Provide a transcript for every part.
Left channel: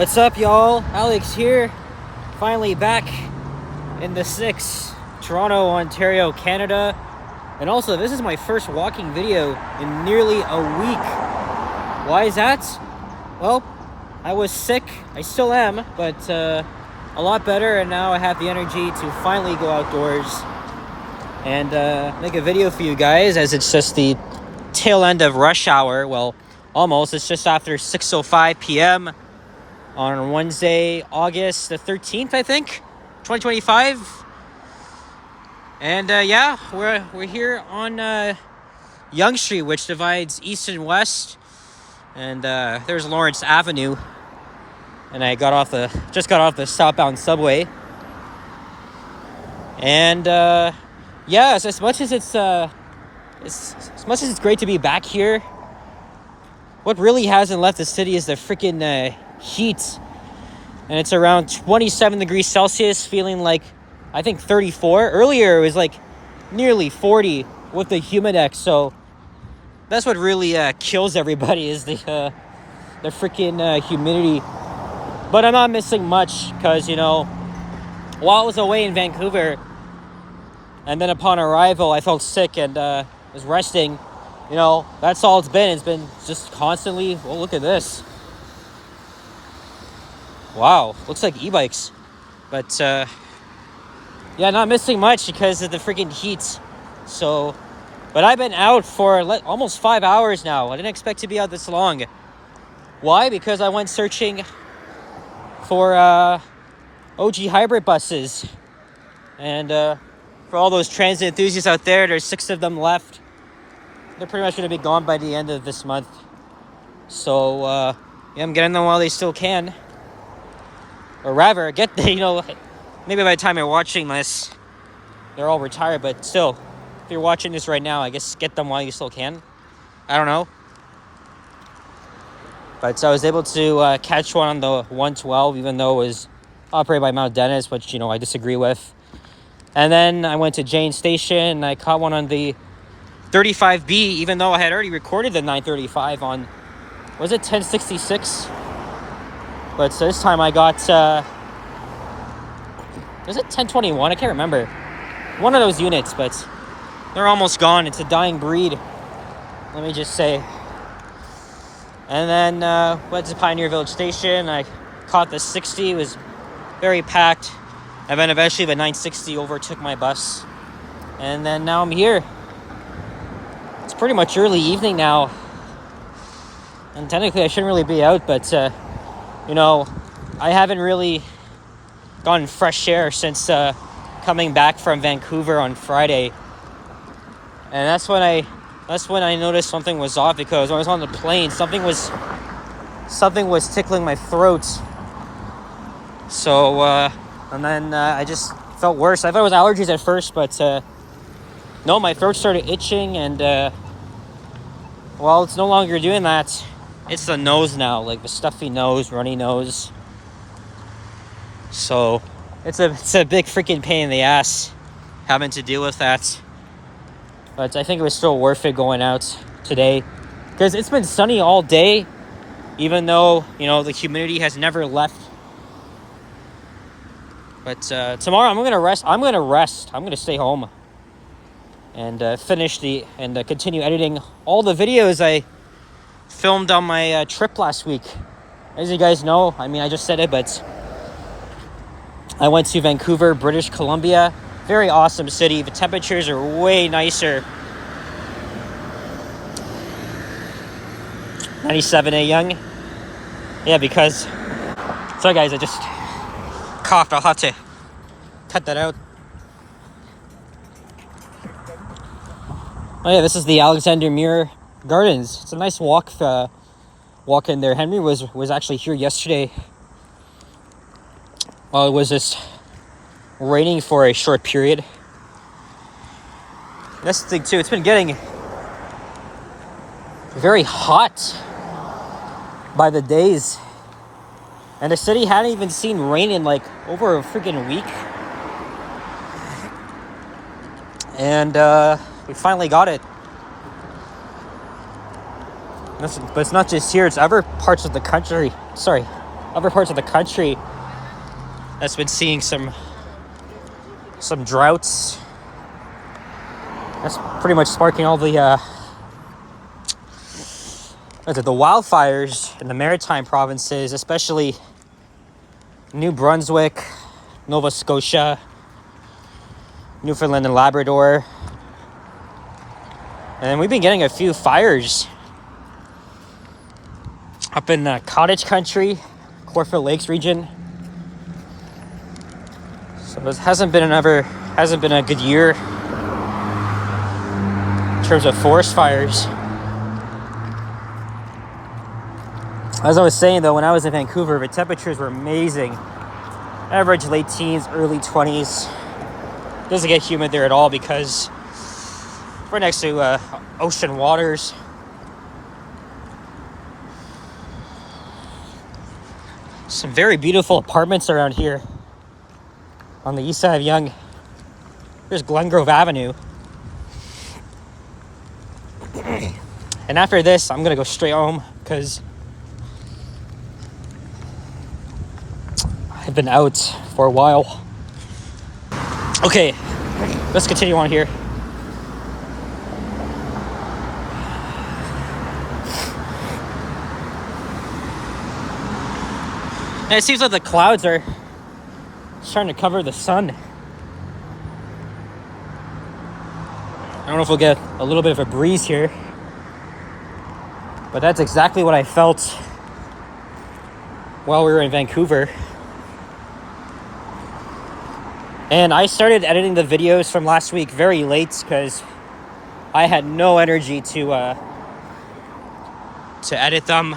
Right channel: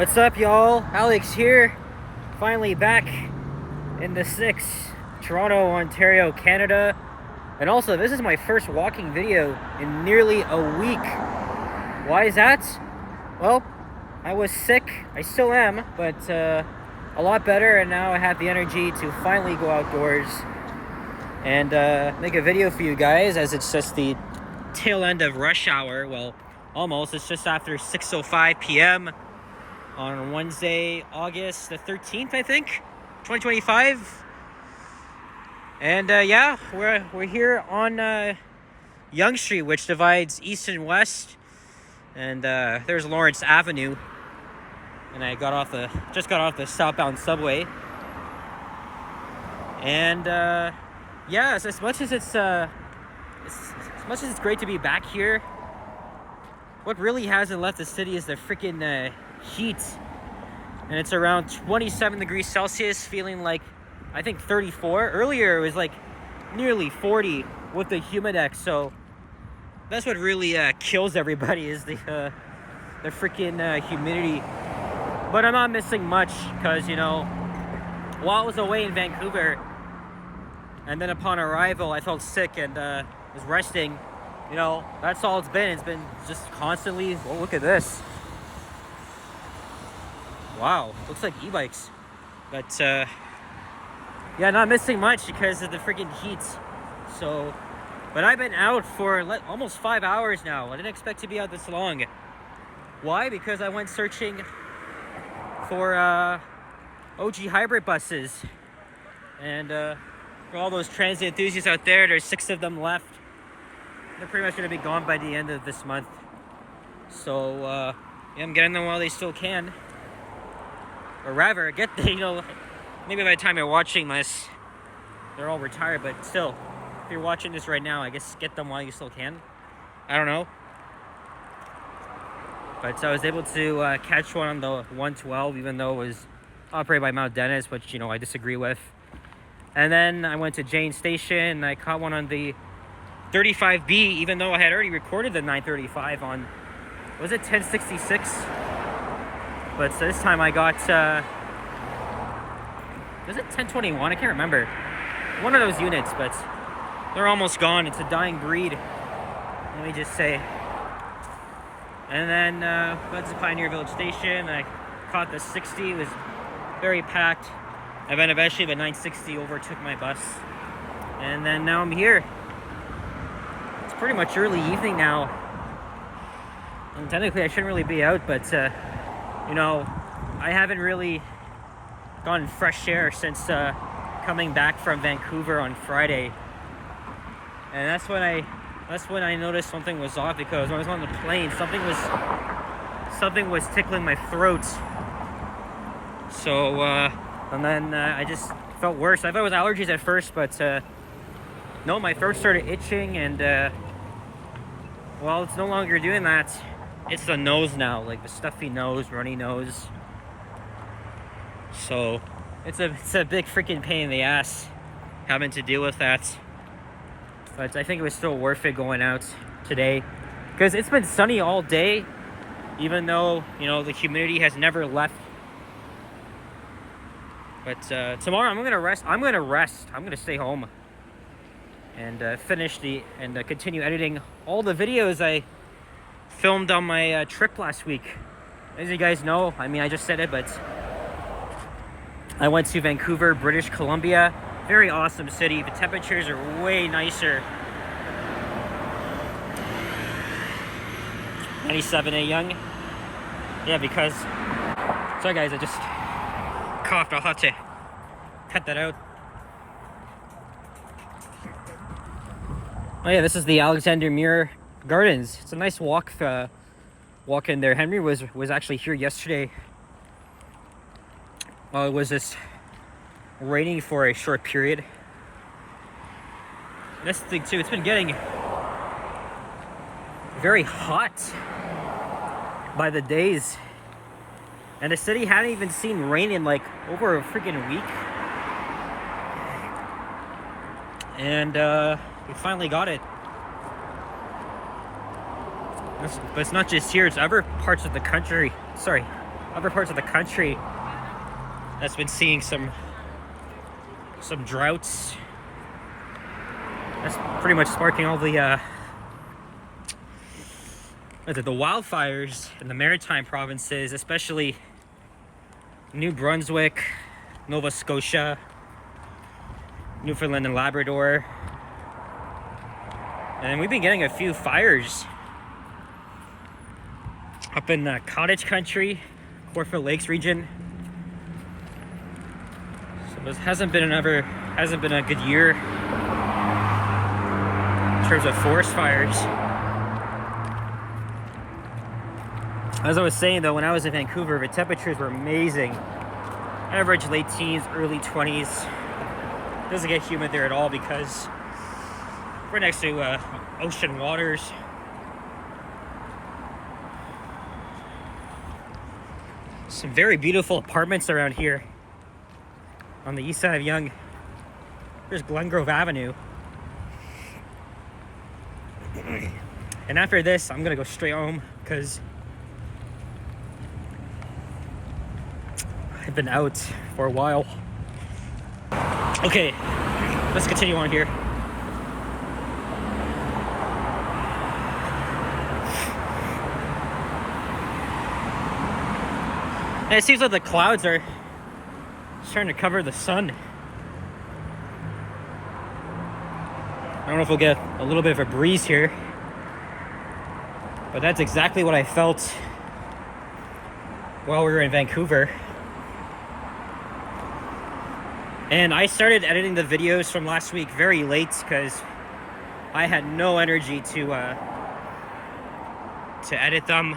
What's up, y'all? Alex here. Finally back in the 6, Toronto, Ontario, Canada. And also, this is my first walking video in nearly a week. Why is that? Well, I was sick. I still am, but a lot better. And now I have the energy to finally go outdoors and make a video for you guys, as it's just the tail end of rush hour. Well, almost. It's just after 6:05 p.m. on Wednesday, August the 13th, I think, 2025. And yeah, we're here on Yonge Street, which divides east and west. And there's Lawrence Avenue. And I just got off the southbound subway. And yeah, so as much as it's great to be back here, what really hasn't left the city is the freaking heat. And it's around 27 degrees Celsius, feeling like, I think, 34. Earlier it was like nearly 40 with the humidex. So that's what really kills everybody, is the freaking humidity. But I'm not missing much, because, you know, while I was away in Vancouver, and then upon arrival I felt sick and was resting, you know, that's all it's been. It's been just constantly, well, look at this. Wow, looks like e-bikes. But yeah, not missing much because of the freaking heat. So, but I've been out for almost 5 hours now. I didn't expect to be out this long. Why? Because I went searching for OG hybrid buses. And for all those transit enthusiasts out there, there's 6 of them left. They're pretty much going to be gone by the end of this month. So yeah, I'm getting them while they still can. Or rather, you know, maybe by the time you're watching this, they're all retired. But still, if you're watching this right now, I guess get them while you still can. I don't know. But so I was able to catch one on the 112, even though it was operated by Mount Dennis, which, you know, I disagree with. And then I went to Jane Station and I caught one on the 35B, even though I had already recorded the 935 on, was it 1066? But so this time I got, was it 1021? I can't remember. One of those units, but they're almost gone. It's a dying breed, let me just say. And then went to Pioneer Village Station. I caught the 60. It was very packed. And then eventually the 960 overtook my bus. And then now I'm here. It's pretty much early evening now. And technically I shouldn't really be out, but you know, I haven't really gotten fresh air since coming back from Vancouver on Friday. And that's when I noticed something was off, because when I was on the plane, something was tickling my throat. So and then I just felt worse. I thought it was allergies at first, but no, my throat started itching, and well, it's no longer doing that. It's the nose now, like the stuffy nose, runny nose. So it's a big freaking pain in the ass having to deal with that. But I think it was still worth it going out today, because it's been sunny all day, even though, you know, the humidity has never left. But tomorrow I'm gonna rest. I'm gonna stay home and continue editing all the videos I filmed on my trip last week. As you guys know, I mean, I just said it, but I went to Vancouver, British Columbia. Very awesome city. The temperatures are way nicer. 97 at Yonge. Yeah, because... Sorry guys, I just coughed. I'll have to cut that out. Oh yeah, this is the Alexander Muir Gardens. It's a nice walk in there. Henry was actually here yesterday. Well, it was just raining for a short period. That's the thing too, it's been getting very hot by the days. And the city hadn't even seen rain in like over a freaking week. And we finally got it. But it's not just here, it's other parts of the country. Sorry, other parts of the country that's been seeing some droughts. That's pretty much sparking all the wildfires in the maritime provinces, especially New Brunswick, Nova Scotia, Newfoundland and Labrador. And then we've been getting a few fires up in the Cottage Country, Corfield Lakes region. So it hasn't been a good year in terms of forest fires. As I was saying though, when I was in Vancouver, the temperatures were amazing. Average late teens, early 20s. Doesn't get humid there at all because we're next to ocean waters. Some very beautiful apartments around here on the east side of Yonge. There's Glengrove Avenue. And after this, I'm gonna go straight home because I've been out for a while. Okay, let's continue on here. And it seems like the clouds are starting to cover the sun. I don't know if we'll get a little bit of a breeze here, but that's exactly what I felt while we were in Vancouver. And I started editing the videos from last week very late because I had no energy to edit them.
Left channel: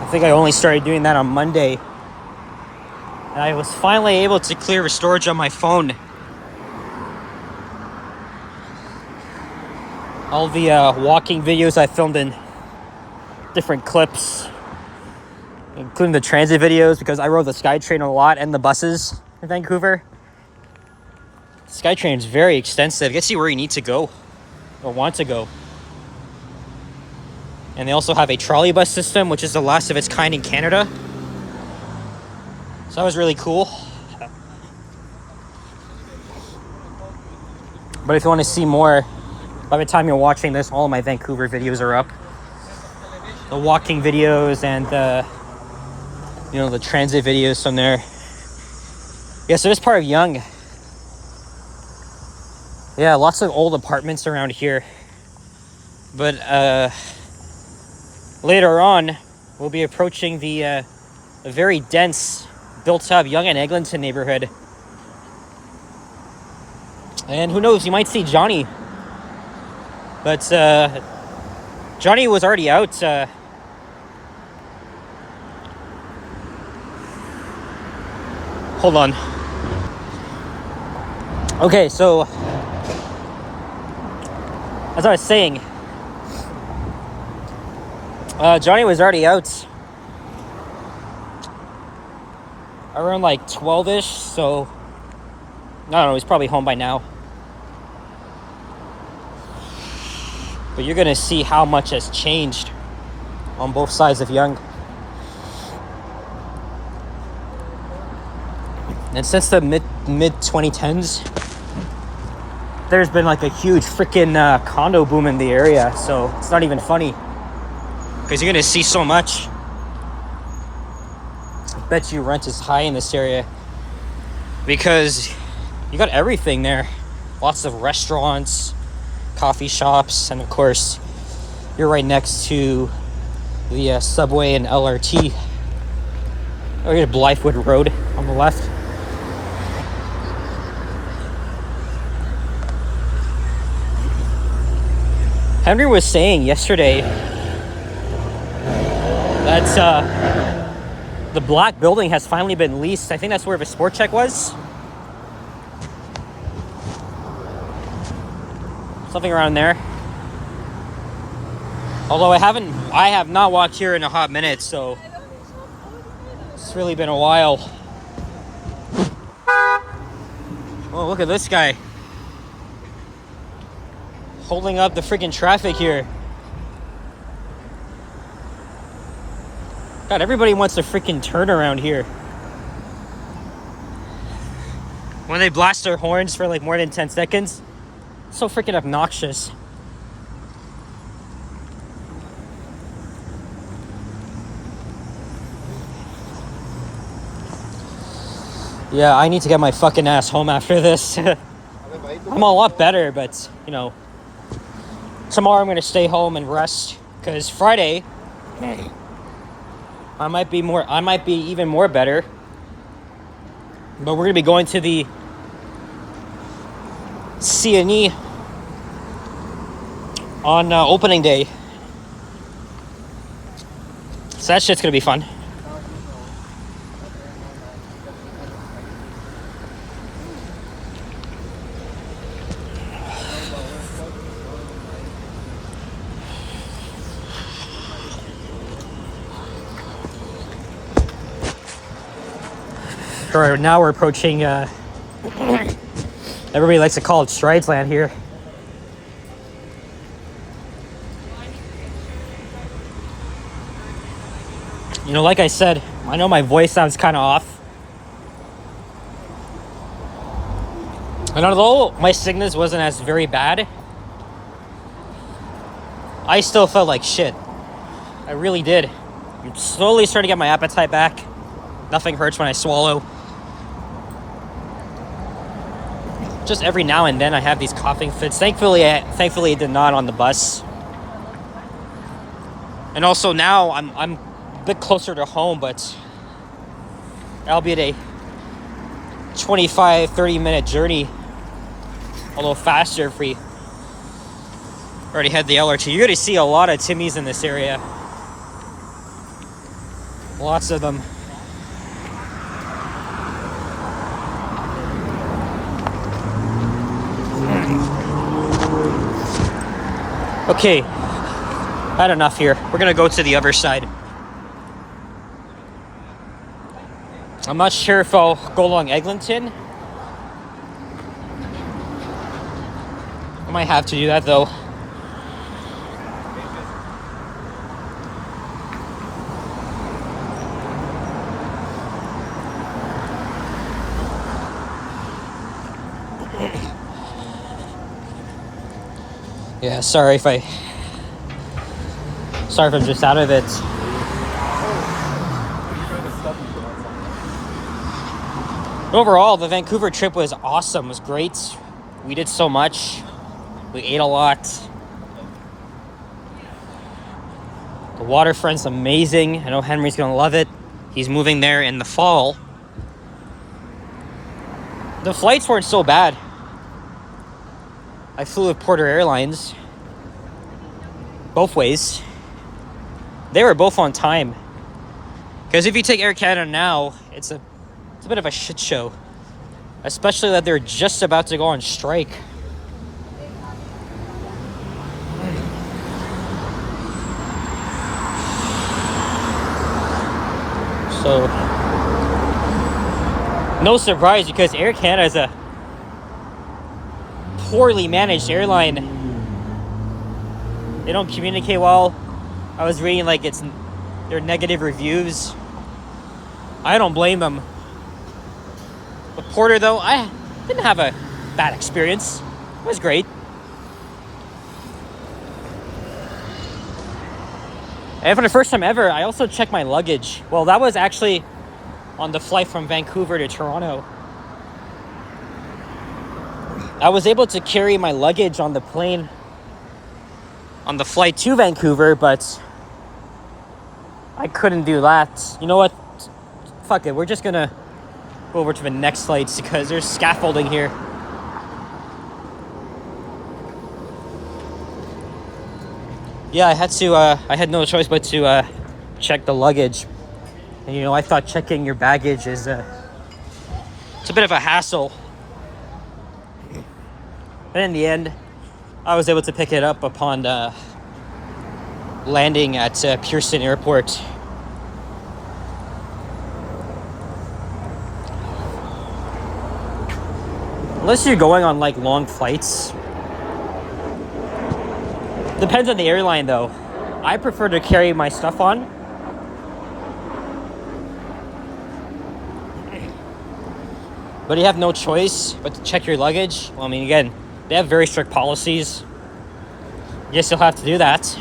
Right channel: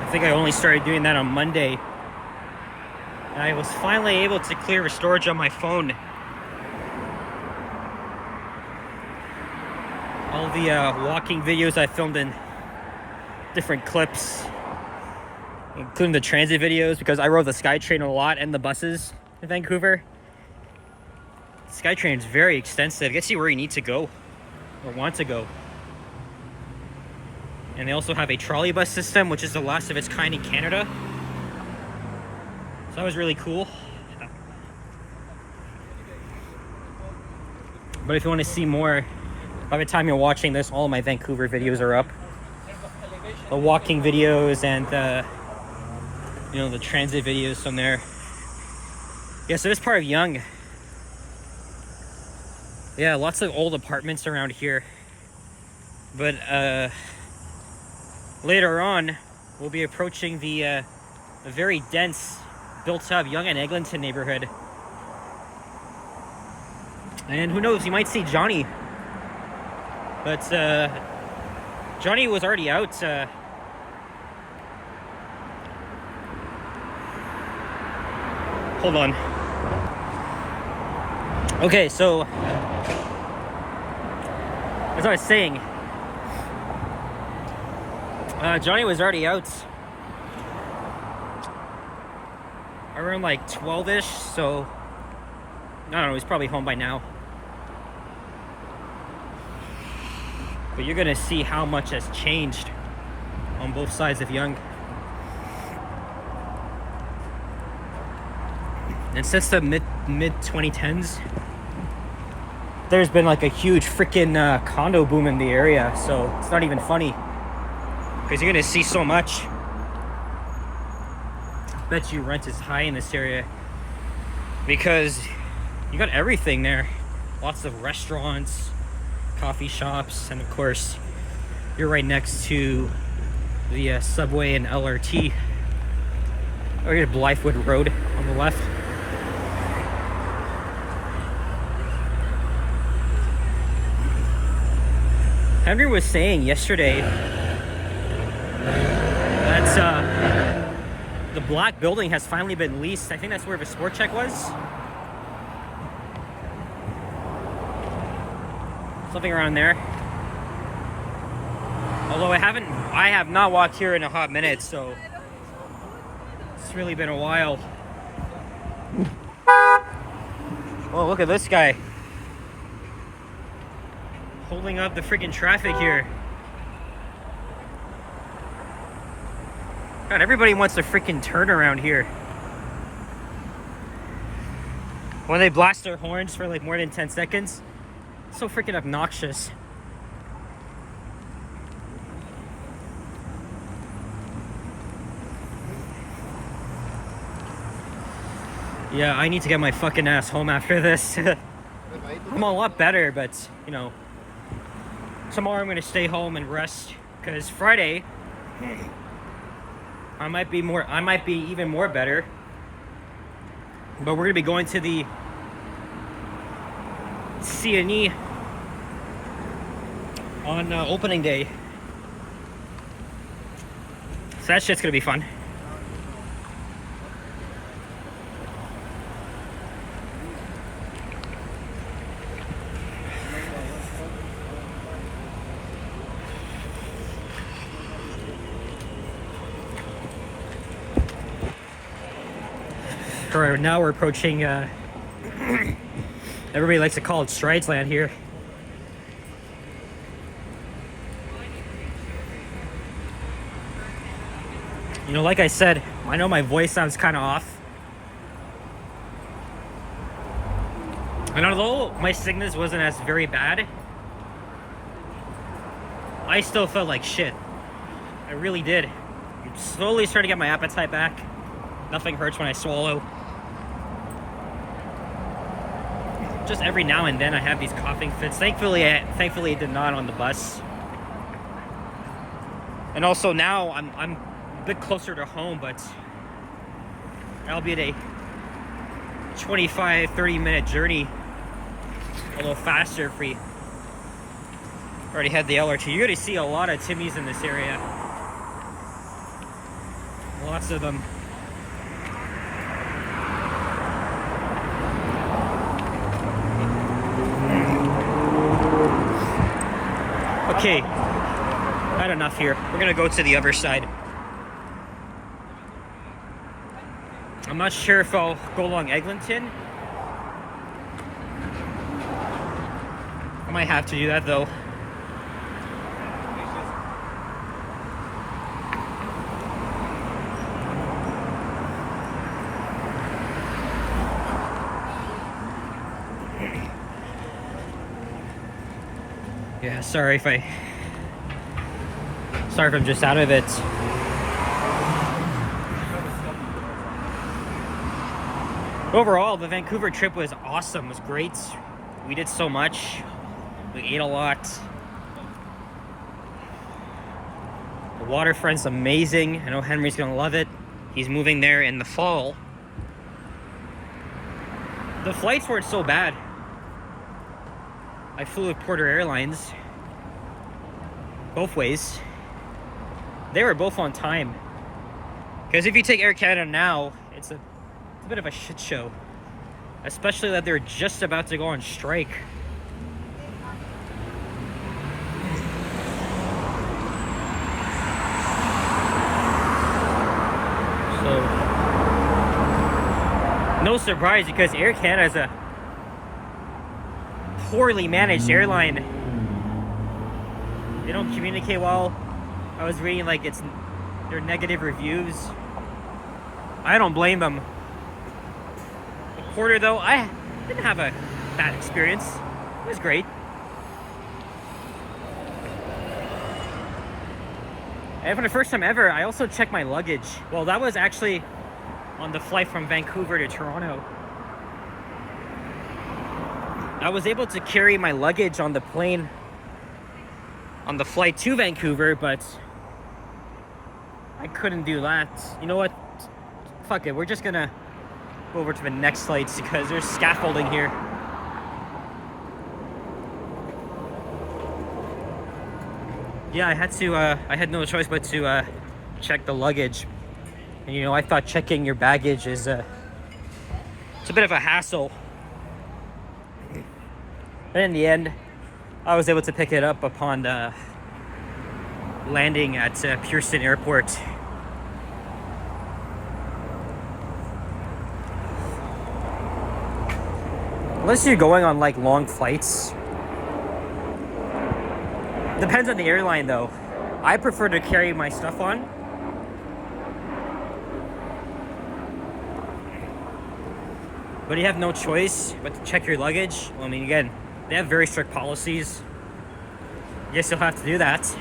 I think I only started doing that on Monday. And I was finally able to clear the storage on my phone. All the walking videos I filmed in different clips, including the transit videos, because I rode the SkyTrain a lot and the buses in Vancouver. SkyTrain is very extensive. It gets you where you need to go or want to go. And they also have a trolley bus system, which is the last of its kind in Canada. So that was really cool. But if you want to see more, by the time you're watching this, all of my Vancouver videos are up. The walking videos and the transit videos from there. Yeah, so this part of Yonge. Yeah, lots of old apartments around here. But later on, we'll be approaching the very dense, built-up Yonge and Eglinton neighborhood. And who knows, you might see Johnny. But Johnny was already out. Hold on. Okay, so as I was saying, Johnny was already out around like 12-ish, so I don't know, he's probably home by now. But you're gonna see how much has changed on both sides of Yonge. And since the mid 2010s, there's been like a huge freaking condo boom in the area, so it's not even funny. Because you're gonna see so much. I bet you rent is high in this area. Because you got everything there. Lots of restaurants, coffee shops, and of course, you're right next to the subway and LRT. Or here's Blythewood Road on the left. Henry was saying yesterday that the black building has finally been leased. I think that's where the Sport Check was. Something around there. Although I have not walked here in a hot minute, so it's really been a while. Oh, look at this guy. Holding up the freaking traffic here. God, everybody wants a freaking turn around here. When they blast their horns for like more than 10 seconds, so freaking obnoxious. Yeah, I need to get my fucking ass home after this. I'm a lot better, but you know, tomorrow I'm gonna stay home and rest because Friday I might be even more better. But we're gonna be going to the C&E on opening day, so that shit's gonna be fun. All right, now we're approaching, everybody likes to call it Strides Land here. You know, like I said, I know my voice sounds kind of off. And although my sickness wasn't as very bad, I still felt like shit. I really did. I'm slowly starting to get my appetite back. Nothing hurts when I swallow. Just every now and then I have these coughing fits. Thankfully it did not on the bus. And also now I'm a bit closer to home, but albeit a 25-30 minute journey, a little faster if we already had the LRT. You're gonna see a lot of Timmies in this area. Lots of them. Okay, had enough here. We're gonna go to the other side. I'm not sure if I'll go along Eglinton. I might have to do that though. Yeah, sorry if I'm just out of it. Overall, the Vancouver trip was awesome. It was great. We did so much. We ate a lot. The waterfront's amazing. I know Henry's gonna love it. He's moving there in the fall. The flights weren't so bad. I flew with Porter Airlines. Both ways. They were both on time. Because if you take Air Canada now, it's a bit of a shit show. Especially that they're just about to go on strike. So, no surprise because Air Canada is a poorly managed airline. They don't communicate well. I was reading like their negative reviews. I don't blame them. But Porter though, I didn't have a bad experience. It was great. And for the first time ever, I also checked my luggage. Well, that was actually on the flight from Vancouver to Toronto. I was able to carry my luggage on the plane on the flight to Vancouver, but I couldn't do that. You know what? Fuck it. We're just gonna go over to the next flights because there's scaffolding here. Yeah, I had no choice but to check the luggage. And you know, I thought checking your baggage is it's a bit of a hassle. But in the end, I was able to pick it up upon landing at Pearson Airport. Unless you're going on like long flights. Depends on the airline though. I prefer to carry my stuff on. but you have no choice but to check your luggage. Well, I mean, again, they have very strict policies. I guess you'll have to do that.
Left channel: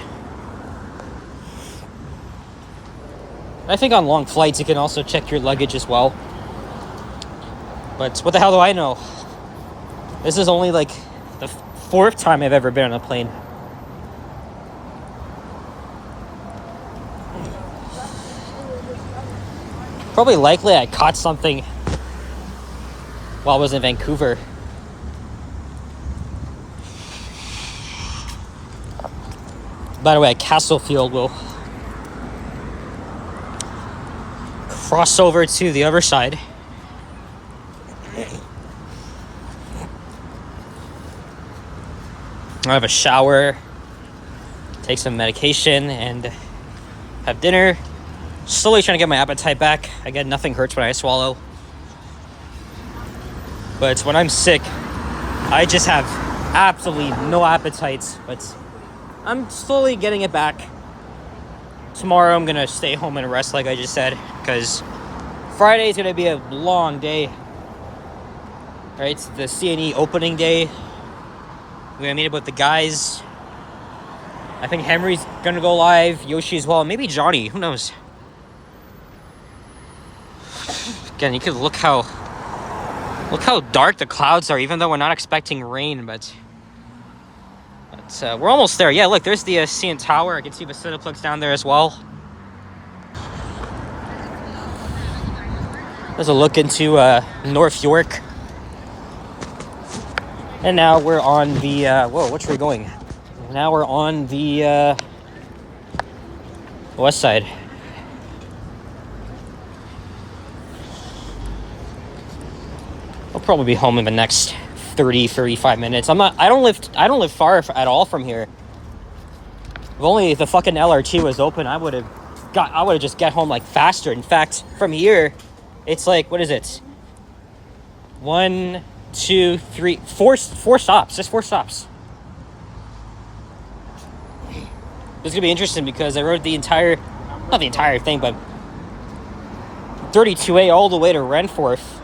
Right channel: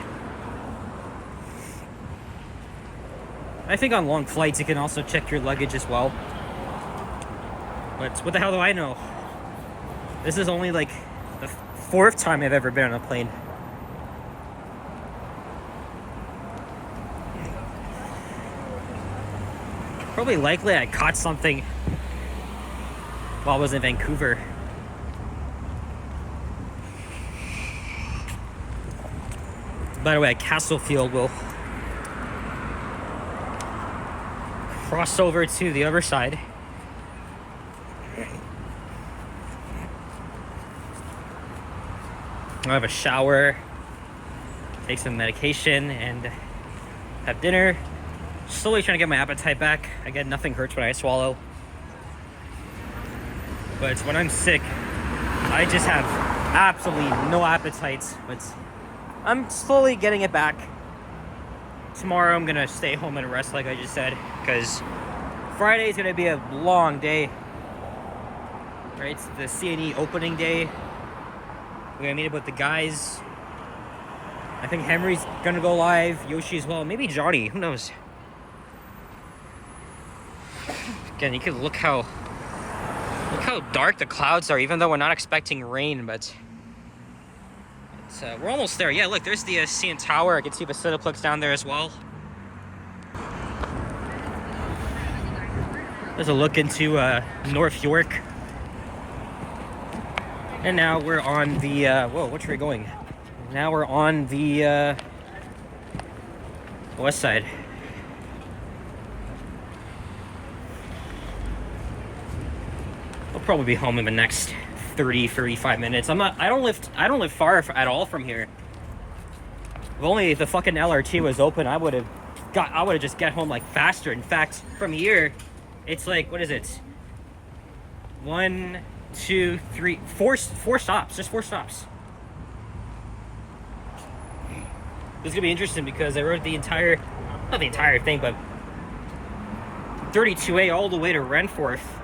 I think on long flights, you can also check your luggage as well. But what the hell do I know? This is only like the fourth time I've ever been on a plane. Probably likely I caught something while I was in Vancouver. By the way, at Castlefield, we'll cross over to the other side. I'll have a shower, take some medication, and have dinner. Slowly trying to get my appetite back. Again, nothing hurts when I swallow. But when I'm sick, I just have absolutely no appetite. But I'm slowly getting it back. Tomorrow I'm gonna stay home and rest, like I just said, because Friday is gonna be a long day. Right, it's the CNE opening day. We're gonna meet up with the guys. I think Henry's gonna go live, Yoshi as well, maybe Johnny, who knows? Again, you can look how dark the clouds are, even though we're not expecting rain, but we're almost there. Yeah, look, there's the CN Tower. I can see the Cineplex down there as well. There's a look into North York. And now we're on the, whoa, which way are we going? Now we're on the west side. I'll probably be home in the next 35 minutes. I don't live far at all from here. If only the fucking LRT was open, I would have just get home like faster. In fact, from here, it's like, what is it? 1, 2, 3, 4 stops. Just 4 stops. It's gonna be interesting because I rode not the entire thing, but 32A all the way to Renforth.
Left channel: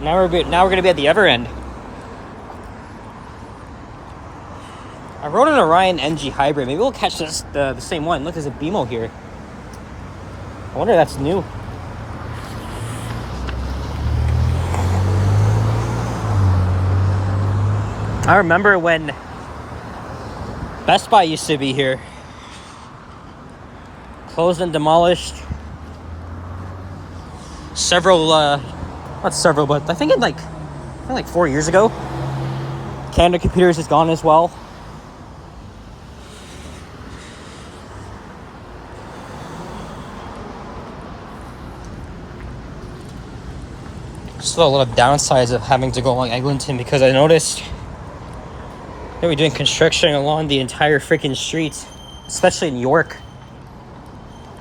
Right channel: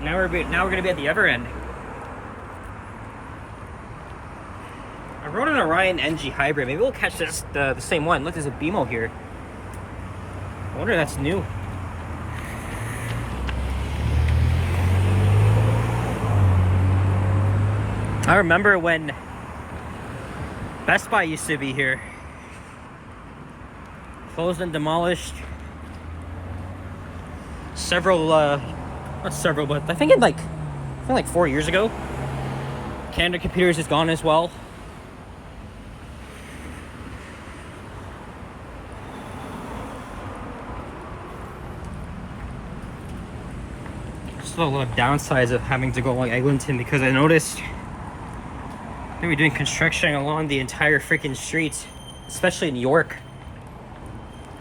Now we're gonna be at the other end. I rode an Orion NG Hybrid. Maybe we'll catch the same one. Look, there's a BMO here. I wonder if that's new. I remember when Best Buy used to be here. Closed and demolished. Not several, but I think like 4 years ago. Canada Computers is gone as well. Still a lot of downsides of having to go along Eglinton, because I noticed they were doing construction along the entire freaking street, especially in York.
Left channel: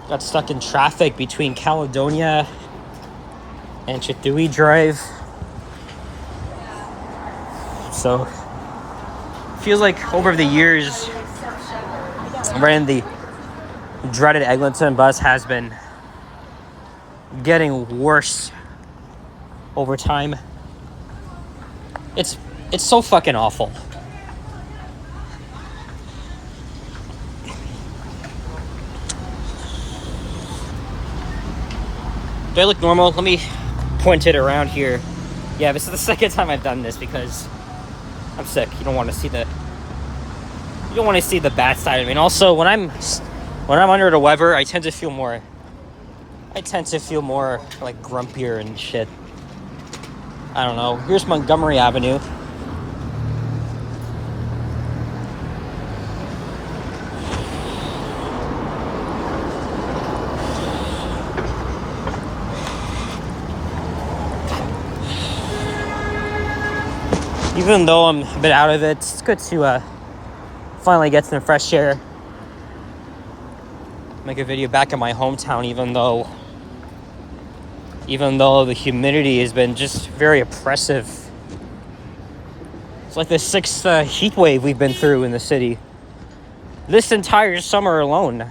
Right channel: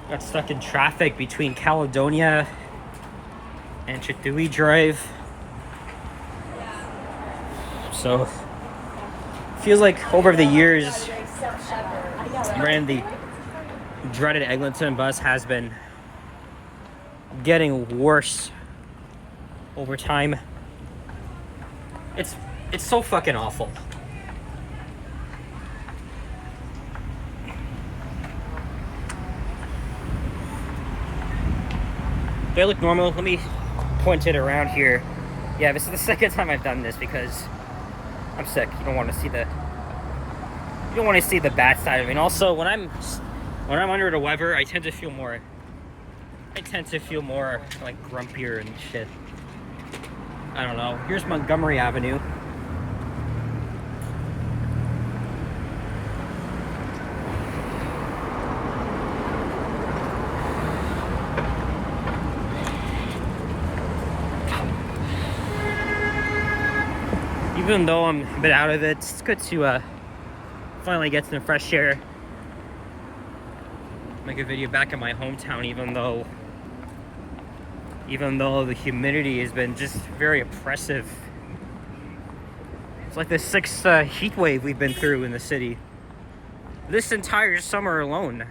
Got stuck in traffic between Caledonia and Chitui Drive. So feels like over the years, riding the dreaded Eglinton bus has been getting worse over time. It's so fucking awful. Do I look normal? Let me point it around here. Yeah, this is the second time I've done this because I'm sick. You don't want to see the bad side of me. And also, when I'm under the weather, I tend to feel more like grumpier and shit. I don't know. Here's Montgomery Avenue. Even though I'm a bit out of it, it's good to finally get some fresh air. Make a video back in my hometown, even though the humidity has been just very oppressive. It's like the 6th heat wave we've been through in the city this entire summer alone.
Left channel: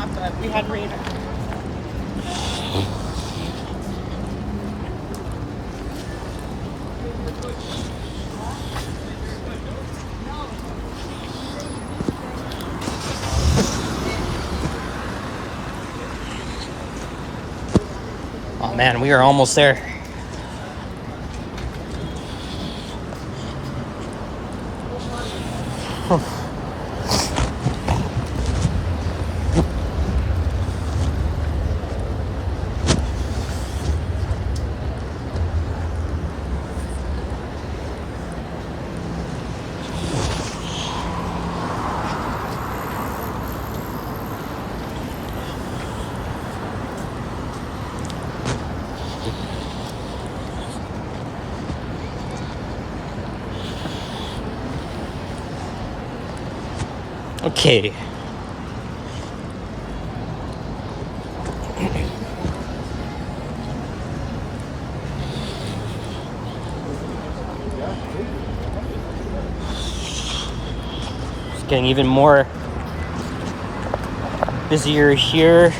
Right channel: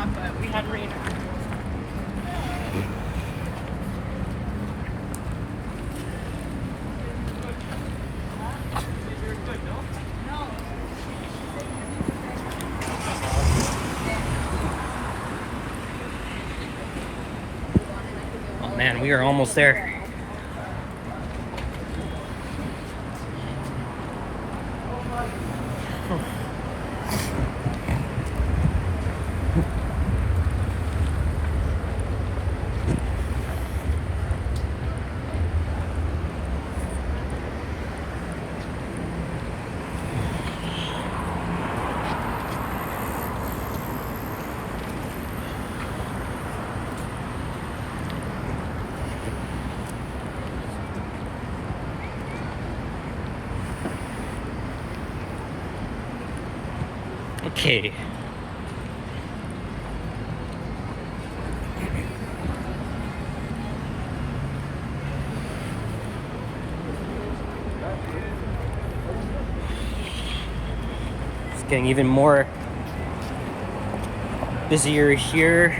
stop, but we had rain. Oh man, we are almost there. Okay. It's getting even more busier here.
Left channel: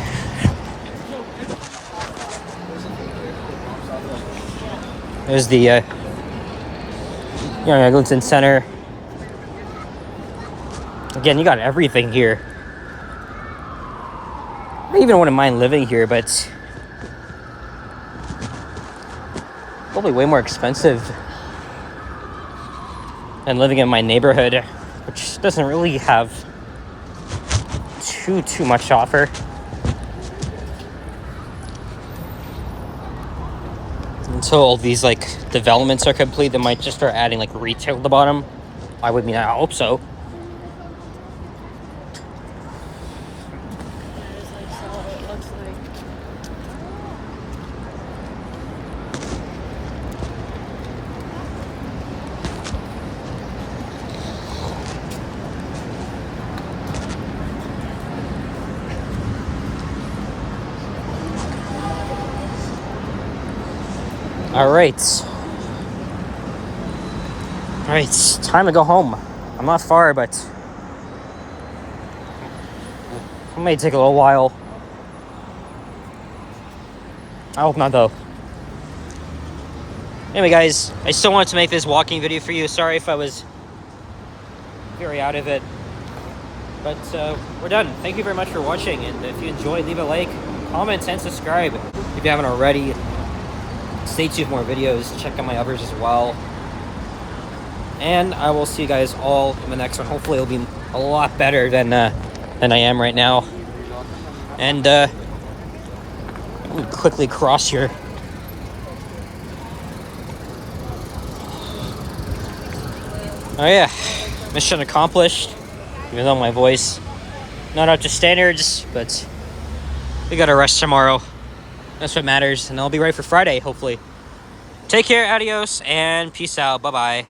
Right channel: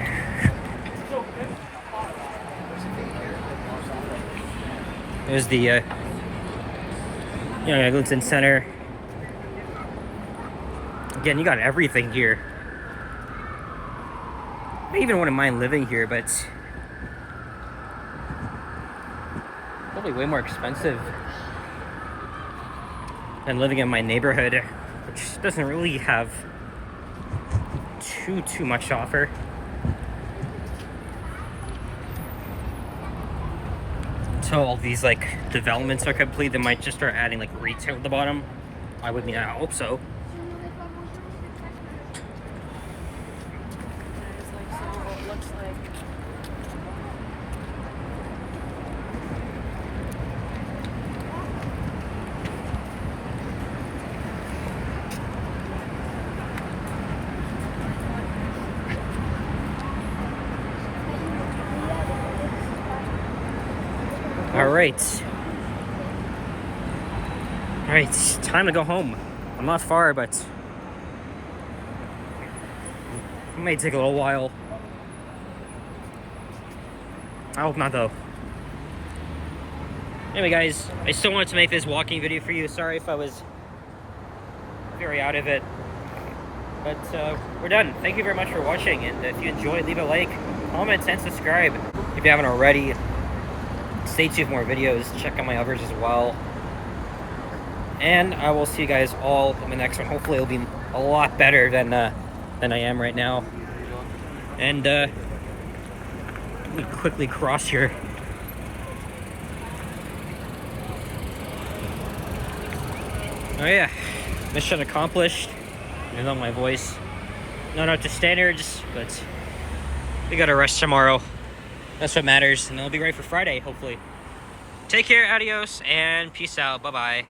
There's the Yonge Eglinton Center. Again, you got everything here. I even wouldn't mind living here, but probably way more expensive than living in my neighborhood, which doesn't really have too much to offer. Until all these like developments are complete, they might just start adding like retail at the bottom. I hope so. All right, it's time to go home. I'm not far, but it may take a little while. I hope not, though. Anyway, guys, I still wanted to make this walking video for you. Sorry if I was very out of it, but we're done. Thank you very much for watching, and if you enjoyed, leave a like, comment, and subscribe if you haven't already. Stay tuned for more videos. Check out my others as well. And I will see you guys all in the next one. Hopefully it'll be a lot better than I am right now. And let me quickly cross here. Oh yeah, mission accomplished. Even though my voice not up to standards, but we gotta rest tomorrow. That's what matters, and I'll be ready for Friday, hopefully. Take care, adios, and peace out. Bye-bye.